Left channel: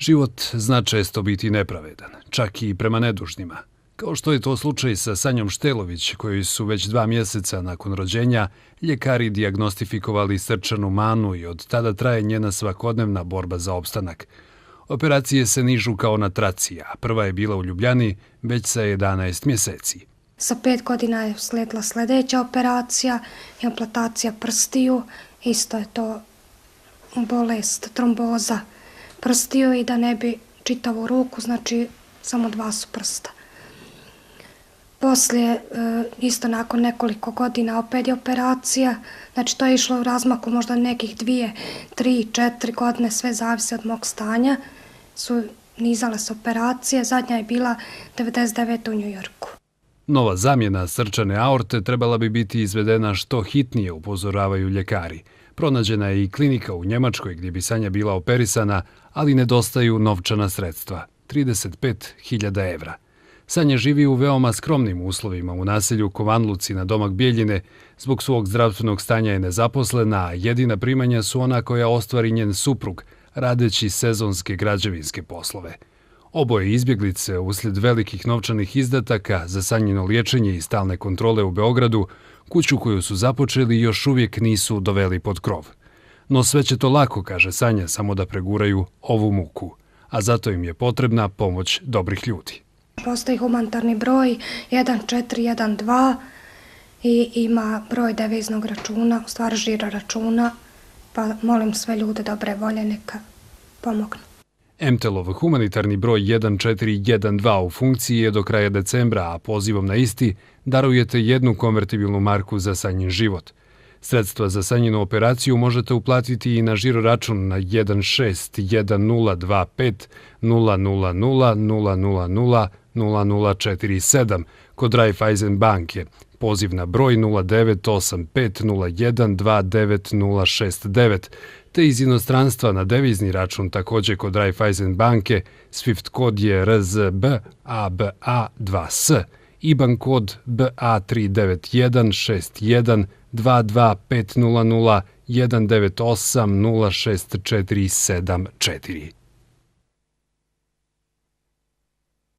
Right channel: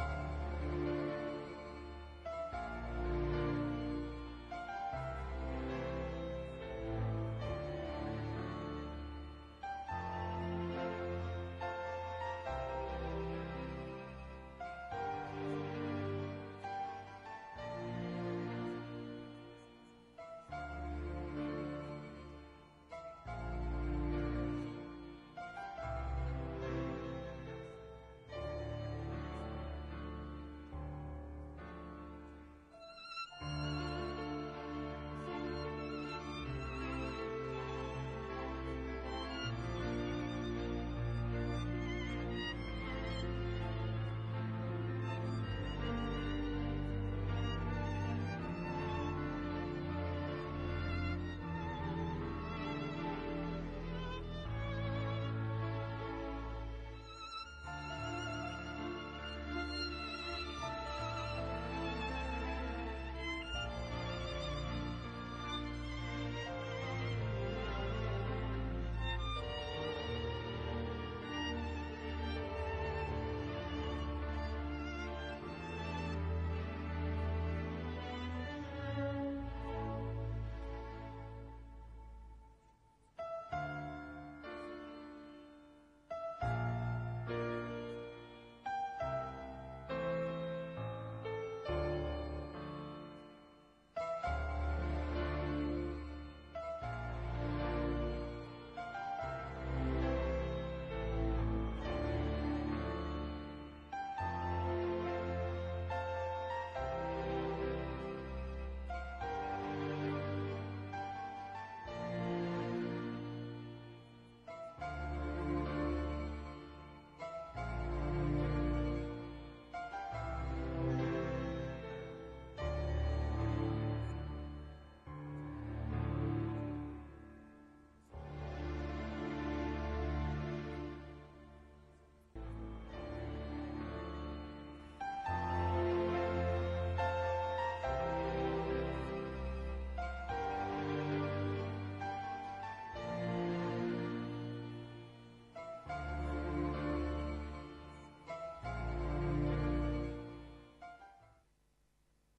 Život zna često biti nepravedan, čak i prema nedužnima. Kao što je to slučaj sa Sanjom Štelović, kojoj su već 2 mjeseca nakon rođenja ljekari dijagnostifikovali srčanu manu i od tada traje njena svakodnevna borba za opstanak. Operacije se nižu kao na traci, a prva je bila u Ljubljani već sa 11 mjeseci. Sa 5 godina je slijedila sljedeća operacija, implantacija prstiju, isto je to bolest, tromboza prstiju i da ne bi čitavu ruku, znači samo 2 su prsta. Poslije, isto nakon nekoliko godina, opet je operacija, znači to je išlo u razmaku možda nekih 2, 3, 4 godine, sve zavisi od mog stanja, su nizale se operacije, zadnja je bila 99. u Njujorku. Nova zamjena srčane aorte trebala bi biti izvedena što hitnije, upozoravaju ljekari. Pronađena je i klinika u Njemačkoj gdje bi Sanja bila operisana, ali nedostaju novčana sredstva, 35.000 evra. Sanja živi u veoma skromnim uslovima u naselju Kovanluci na domak Bijeljine. Zbog svog zdravstvenog stanja je nezaposlena, a jedina primanja su ona koja ostvari njen suprug, radeći sezonske građevinske poslove. Oboje izbjeglice, uslijed velikih novčanih izdataka za Sanjino liječenje i stalne kontrole u Beogradu, kuću koju su započeli još uvijek nisu doveli pod krov. No sve će to lako, kaže Sanja, samo da preguraju ovu muku. A zato im je potrebna pomoć dobrih ljudi. Postoji humanitarni broj 1412 i ima broj deviznog računa, u stvari žiro računa, pa molim sve ljude dobre volje neka pomognu. MTEL-ov humanitarni broj 1412 u funkciji je do kraja decembra, a pozivom na isti darujete 1 konvertibilnu marku za Sanjin život. Sredstva za Sanjinu operaciju možete uplatiti i na žiro račun na 161025 000 0047 kod Raiffeisen banke, poziv na broj 0985012969, te iz inostranstva na devizni račun također kod Raiffeisen banke, SWIFT kod je RZB ABA2S, IBAN kod BA39161 22500 198 0647 4.